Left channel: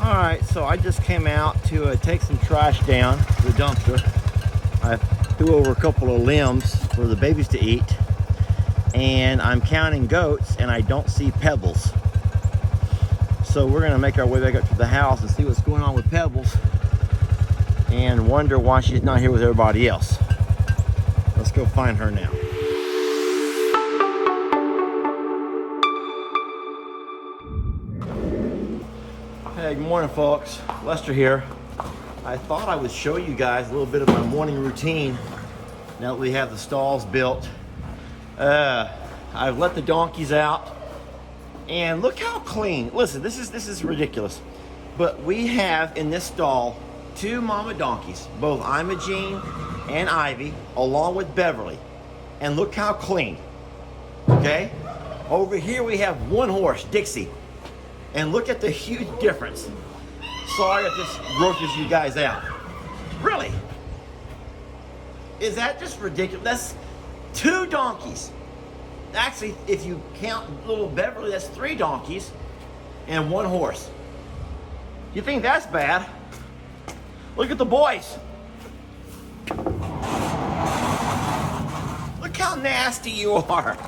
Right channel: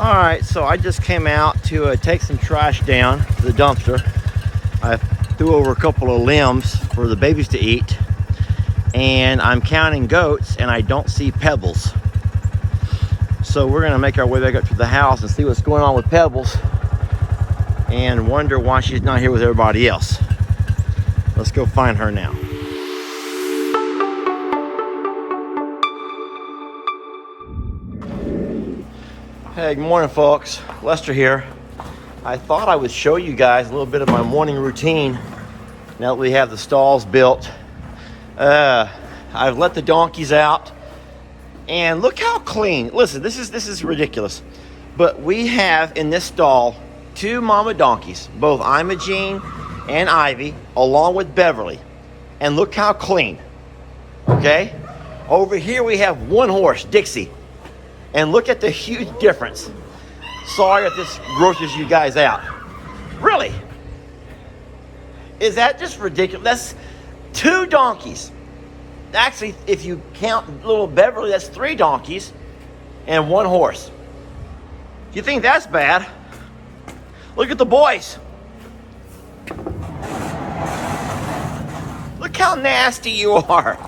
All right, so I just came out to take some trash down to the dumpster. I threw over a couple of limbs for the babies to eat, and I'm counting goats and I don't see Pebbles. So we're gonna make our way back up to the house and see what's going on with Pebbles and wonder why she's not here with everybody else. Let's go find her now. Hey, good morning, folks. Lester here. I thought I would show you guys a little bit of my morning routine now that we have the stalls built. I've let the donkeys out, and look how clean. Listen, this is ridiculous, but we have in this stall 2 mama donkeys, both Imogene and Ivy, along with Beverly, and look how clean. Okay, over here we have 1 horse, Dixie. And look at the huge difference. Sorry if this grosses you guys out. Really? Is that just ridiculous? That's 2 donkeys. Actually, if you count little Beverly, that's 3 donkeys and 1 horse. You think that's bad? Look at the boys. Look how nasty you are.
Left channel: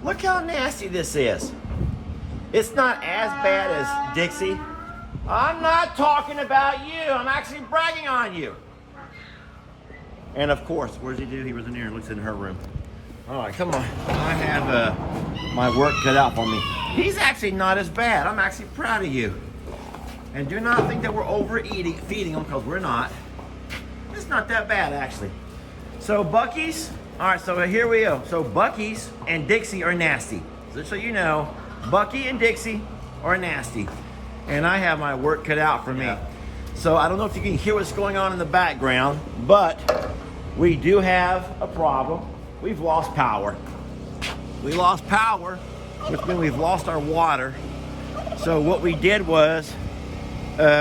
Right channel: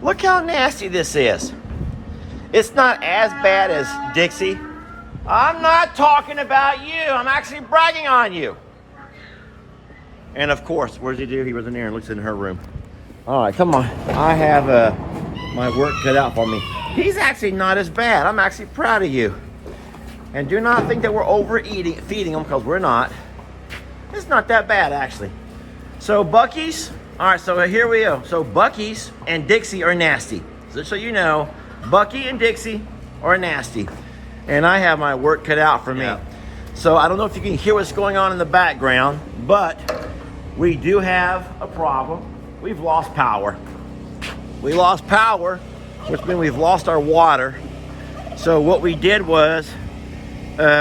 Look how nasty this is. It's not as bad as Dixie. I'm not talking about you. I'm actually bragging on you. And of course, what does he do? He runs in here and looks in her room. All right, come on. I have my work cut out for me. He's actually not as bad. I'm actually proud of you. And do not think that we're feeding him, because we're not. It's not that bad, actually. So Bucky's, all right, so here we go. So Bucky's and Dixie are nasty. Just so you know, Bucky and Dixie are nasty. And I have my work cut out for me. Yeah. So I don't know if you can hear what's going on in the background, but we do have a problem. We've lost power. We lost power, which means we've lost our water. So what we did was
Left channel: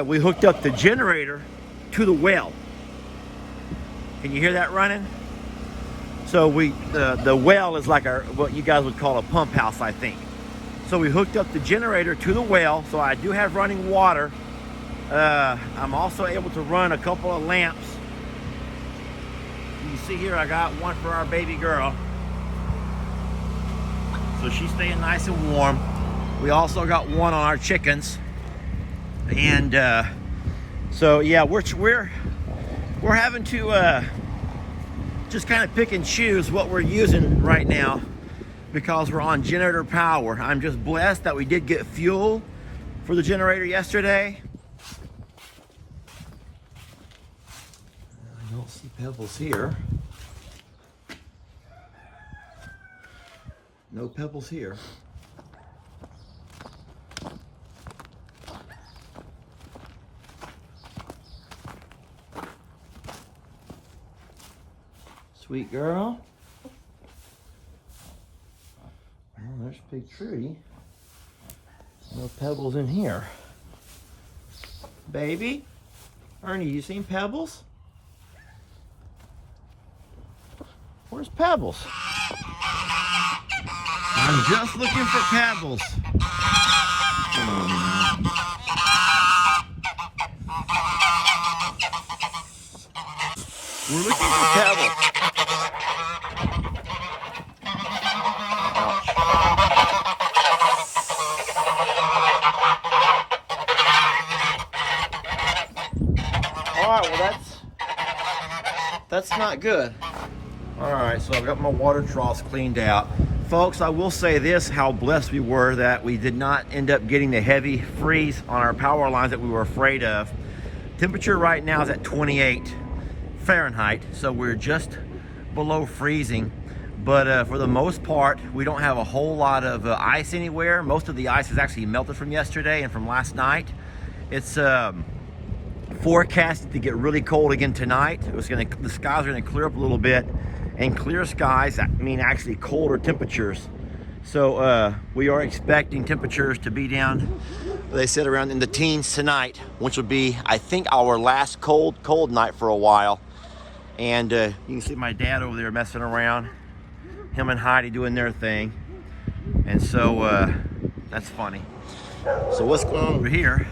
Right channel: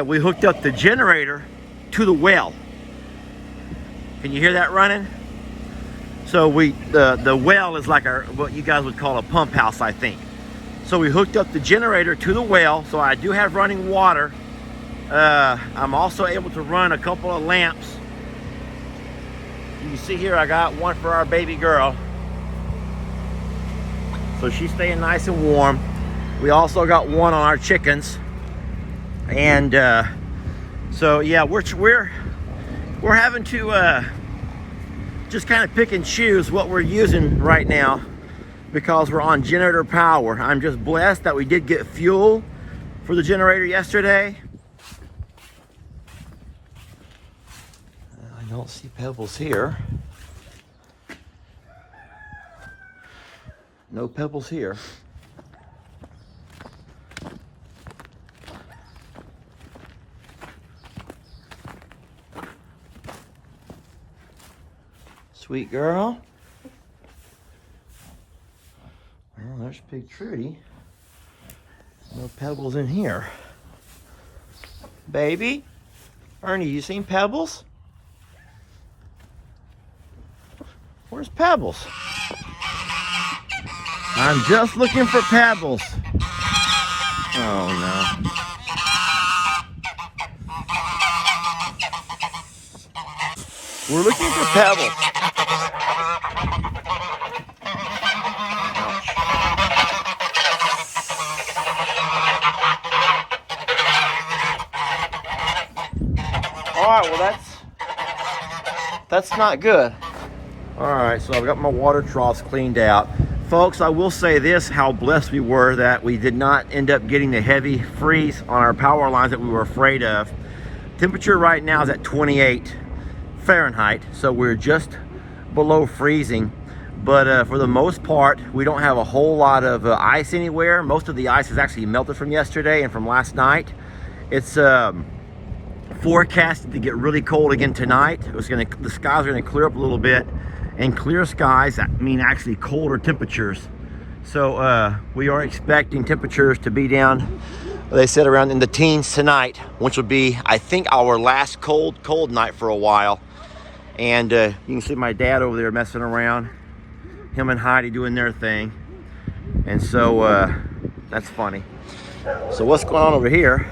we hooked up the generator to the well. Can you hear that running? So the well is like what you guys would call a pump house, I think. So we hooked up the generator to the well, so I do have running water. I'm also able to run a couple of lamps. You can see here I got one for our baby girl. So she's staying nice and warm. We also got one on our chickens. And so yeah, we're having to just kind of pick and choose what we're using right now, because we're on generator power. I'm just blessed that we did get fuel for the generator yesterday. I don't see Pebbles here. No Pebbles here. Sweet girl. Well, there's Big Trudy. No Pebbles in here. Baby? Ernie, you seen Pebbles? Where's Pebbles? I'm just looking for Pebbles. Oh no. We're looking for Pebbles. All right, well that's not good. All right, so I've got my water troughs cleaned out. Folks, I will say this, how blessed we were that we did not end up getting the heavy freeze on our power lines that we were afraid of. Temperature right now is at 28 Fahrenheit, so we're just below freezing. But for the most part, we don't have a whole lot of ice anywhere. Most of the ice is actually melted from yesterday and from last night. It's forecasted to get really cold again tonight. The skies are gonna clear up a little bit, and clear skies mean actually colder temperatures. So we are expecting temperatures to be down, they said, around in the teens tonight, which will be, I think, our last cold night for a while. And you can see my dad over there messing around, him and Heidi doing their thing. And so That's funny. So what's going on over here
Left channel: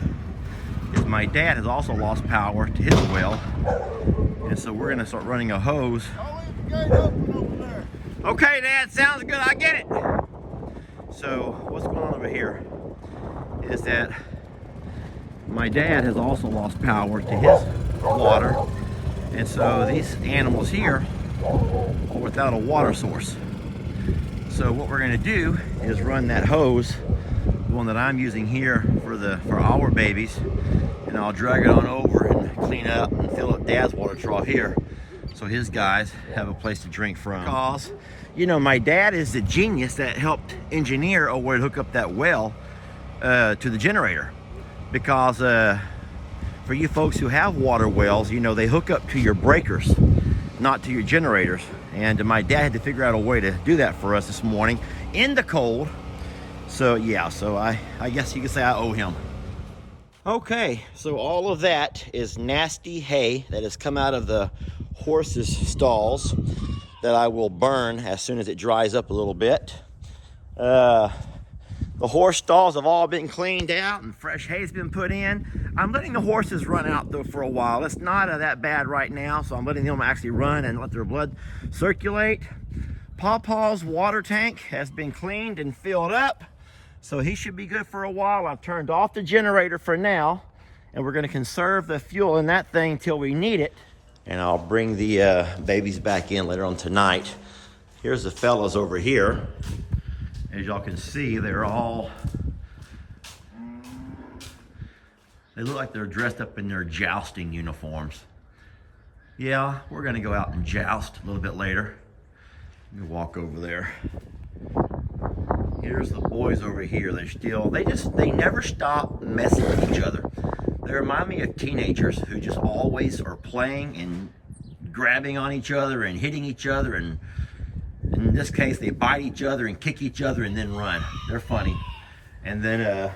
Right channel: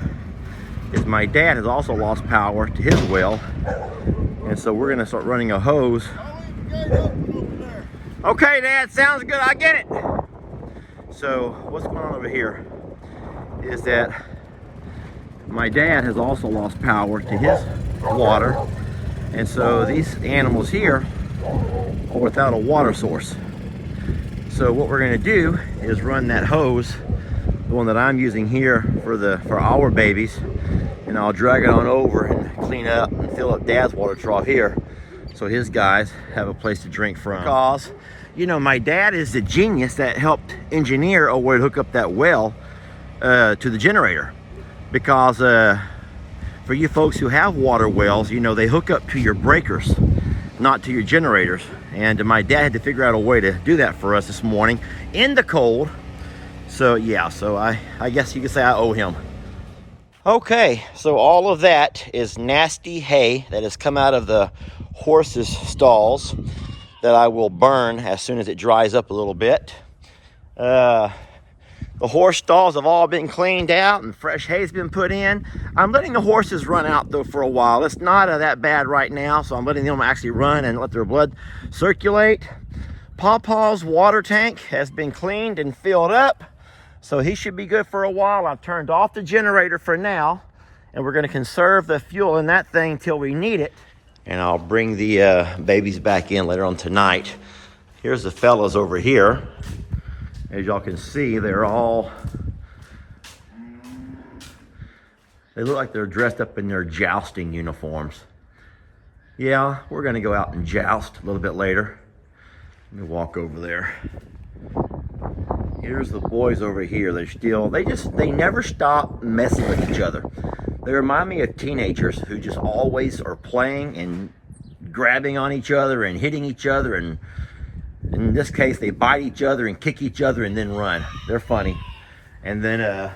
is my dad has also lost power to his well. And so we're gonna start running a hose. I'll leave the gate open over there. Okay, Dad, sounds good, I get it. So what's going on over here is that my dad has also lost power to his water. And so these animals here are without a water source. So what we're gonna do is run that hose, the one that I'm using here for our babies, and I'll drag it on over and clean up and fill up Dad's water trough here so his guys have a place to drink from. Because, you know, my dad is the genius that helped engineer a way to hook up that well to the generator. Because for you folks who have water wells, you know, they hook up to your breakers, not to your generators. And my dad had to figure out a way to do that for us this morning in the cold. So yeah, so I guess you could say I owe him. Okay, so all of that is nasty hay that has come out of the horses' stalls that I will burn as soon as it dries up a little bit. The horse stalls have all been cleaned out and fresh hay's been put in. I'm letting the horses run out though for a while. It's not that bad right now, so I'm letting them actually run and let their blood circulate. Pawpaw's water tank has been cleaned and filled up, so he should be good for a while. I've turned off the generator for now, and we're gonna conserve the fuel in that thing till we need it. And I'll bring the babies back in later on tonight. Here's the fellas over here. As y'all can see, they look like they're dressed up in their jousting uniforms. Yeah, we're gonna go out and joust a little bit later. Let me walk over there. Here's the boys over here. They never stop messing with each other. They remind me of teenagers who just always are playing and grabbing on each other and hitting each other, and in this case, they bite each other and kick each other and then run. They're funny. And then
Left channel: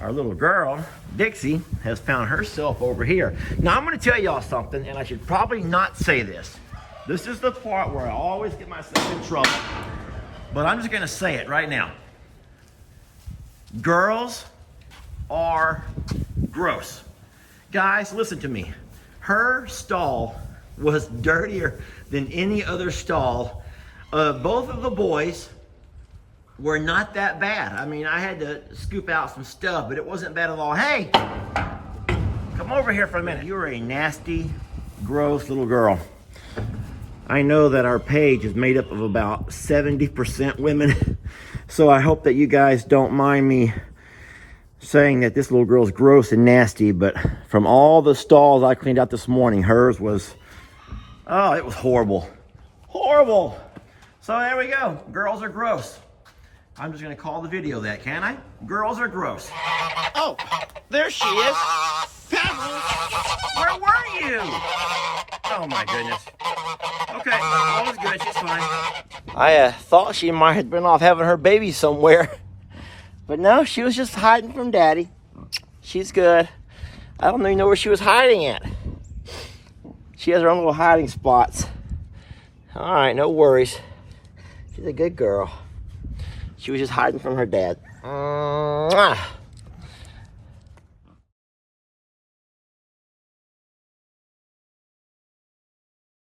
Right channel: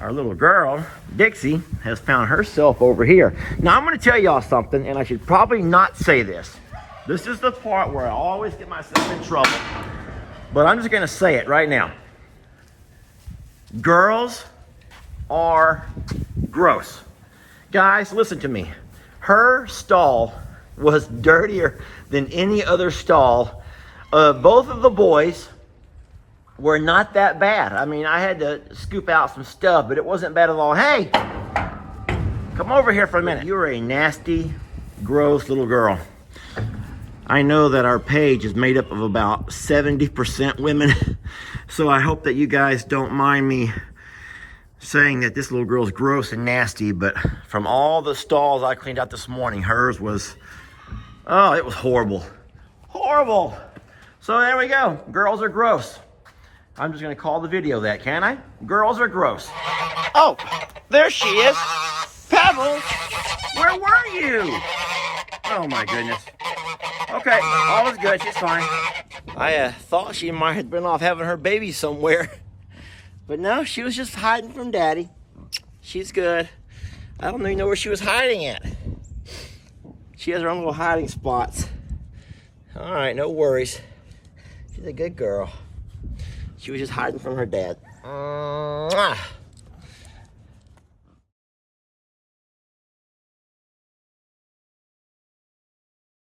our little girl, Dixie, has found herself over here. Now, I'm going to tell y'all something, and I should probably not say this. This is the part where I always get myself in trouble. But I'm just going to say it right now. Girls are gross. Guys, listen to me. Her stall was dirtier than any other stall. Both of the boys were not that bad. I mean, I had to scoop out some stuff, but it wasn't bad at all. Hey, come over here for a minute. You're a nasty, gross little girl. I know that our page is made up of about 70% women, so I hope that you guys don't mind me saying that this little girl's gross and nasty, but from all the stalls I cleaned out this morning, hers was, oh, it was horrible. Horrible. So there we go. Girls are gross. I'm just going to call the video that, can I? Girls are gross. Oh, there she is. Pebbles, where were you? Oh my goodness. Okay, all is good. She's fine. I thought she might have been off having her baby somewhere. But no, she was just hiding from Daddy. She's good. I don't even know where she was hiding at. She has her own little hiding spots. All right, no worries. She's a good girl. She was just hiding from her dad. Mwah.